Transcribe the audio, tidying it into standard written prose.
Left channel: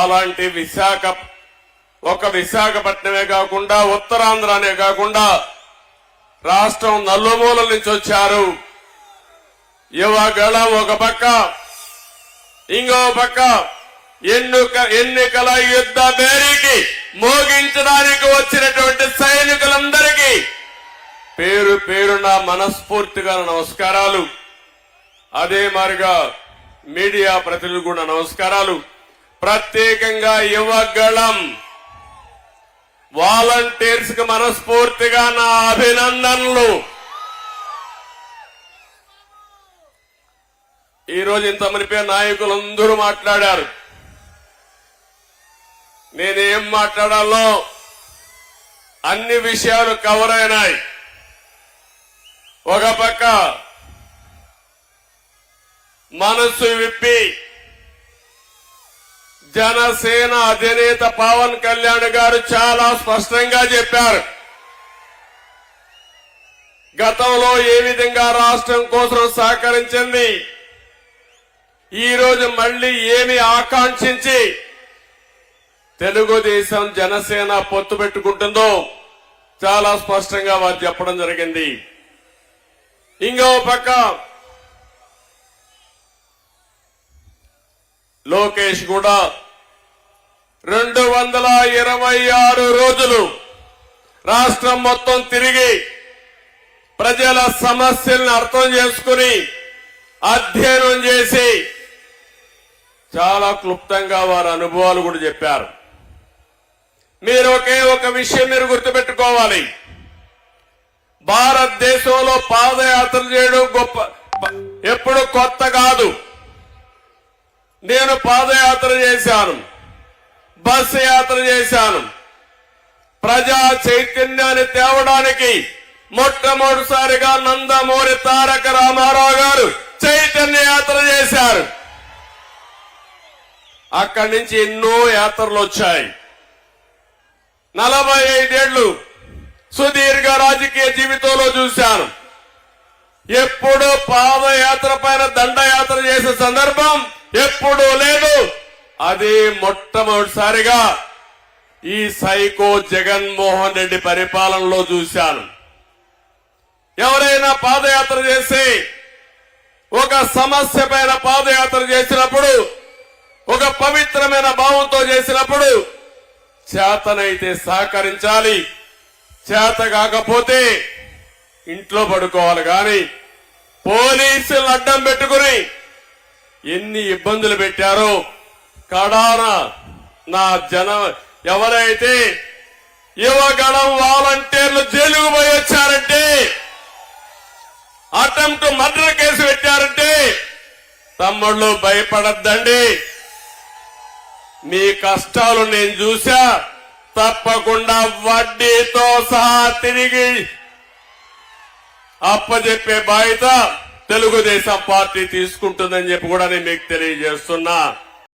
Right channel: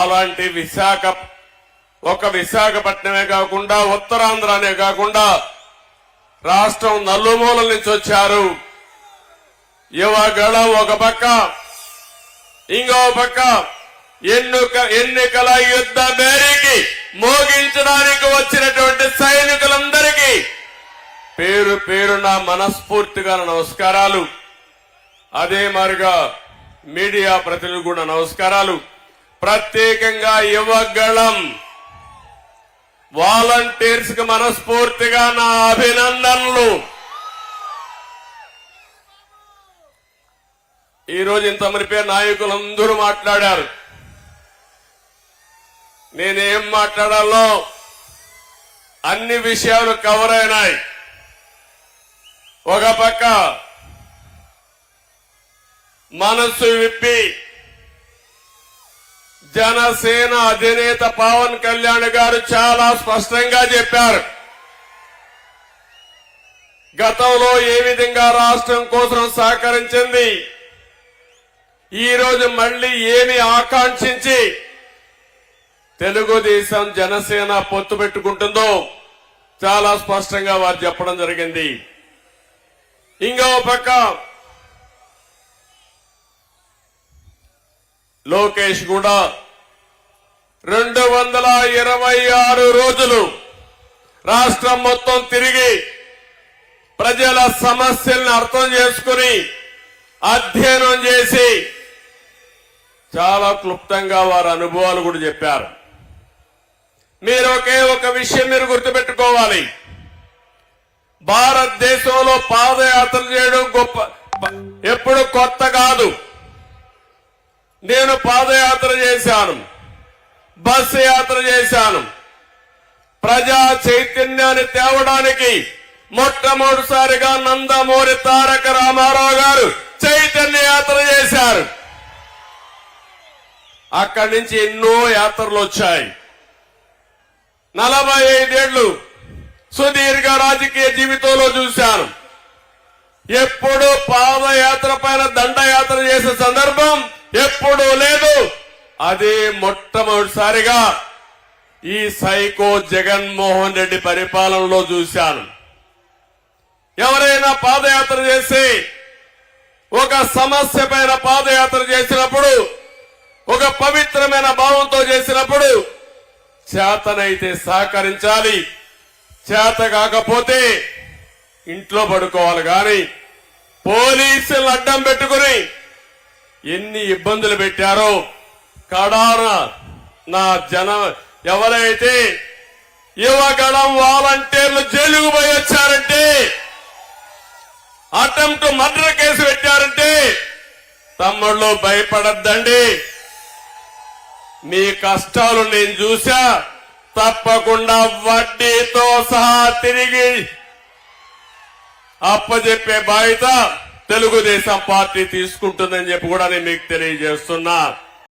అలాంటి విశాఖపట్నమే కాకుండా ఉత్తరాంధ్రనే కాకుండా రాష్ట్రం నలుమూలల నుంచి వచ్చారు. యువగళం ఒక పక్క, ఇంకో పక్క ఎన్నికల యుద్ధ బేరీకి మోగించడానికి వచ్చినటువంటి సైనికులందరికీ పేరు పేరున మనస్ఫూర్తిగా నమస్కారాలు. అదే మారిగా మీడియా ప్రతినిధులు కూడా నమస్కారాలు. ప్రత్యేకంగా యువగళం వాలంటీర్స్ కి మనస్ఫూర్తిగా నా అభినందనలు. ఈ రోజు ఇంతమంది పేరు నాయకులందరూ మాట్లాడారు. నేనేం మాట్లాడాలో అన్ని విషయాలు కవర్ అయినాయి. ఒక పక్క మనసు విప్పి జనసేన అధినేత పవన్ కళ్యాణ్ గారు చాలా స్పష్టంగా చెప్పారు. గతంలో ఏ విధంగా రాష్ట్రం కోసం సహకరించింది, ఈ రోజు మళ్లీ ఏమి ఆకాంక్షించి తెలుగుదేశం జనసేన పొత్తు పెట్టుకుంటుందో చాలా స్పష్టంగా వారు చెప్పడం జరిగింది. ఇంకో పక్క లోకేష్ కూడా 226 రోజులు రాష్ట్రం మొత్తం తిరిగి ప్రజల సమస్యలను అర్థం చేసుకుని అధ్యయనం చేసి చాలా క్లుప్తంగా వారి అనుభవాలు కూడా చెప్పారు. మీరు ఒక విషయం మీరు గుర్తుపెట్టుకోవాలి. భారతదేశంలో పాదయాత్ర చేయడం ఎప్పుడు కొత్త కాదు. నేను పాదయాత్ర చేశాను, బస్సు యాత్ర చేశాను. ప్రజా చైతన్యాన్ని తేవడానికి మొట్టమొదటిసారిగా నందమూరి తారక రామారావు గారు చైతన్య యాత్ర చేశారు. అక్కడి నుంచి ఎన్నో యాత్రలు వచ్చాయి. 45 ఏళ్లు సుదీర్ఘ రాజకీయ జీవితంలో చూశాను. ఎప్పుడు పాదయాత్ర పైన దండయాత్ర చేసే సందర్భం ఎప్పుడూ లేదు. అదే మొట్టమొదటిసారిగా ఈ సైకో జగన్మోహన్ రెడ్డి పరిపాలనలో చూశాను. ఎవరైనా పాదయాత్ర చేసి ఒక సమస్య పైన పాదయాత్ర చేసినప్పుడు, ఒక పవిత్రమైన భావంతో చేసినప్పుడు చేతనైతే సహకరించాలి, చేత కాకపోతే ఇంట్లో పడుకోవాలి. కానీ పోలీసులను అడ్డం పెట్టుకుని ఎన్ని ఇబ్బందులు పెట్టారో కడాన నా ఎవరైతే యువగళం వాలంటీర్లు జైలుకు పోయి వచ్చారంటే, అటెంప్ట్ మర్డర్ కేసు పెట్టారంటే తమ్ముళ్ళు భయపడద్దండి. మీ కష్టాలు నేను చూసా. తప్పకుండా వడ్డీతో సహా తిరిగి అప్పచెప్పే బాధ్యత తెలుగుదేశం పార్టీ తీసుకుంటుందని చెప్పి కూడా నేను మీకు తెలియజేస్తున్నా.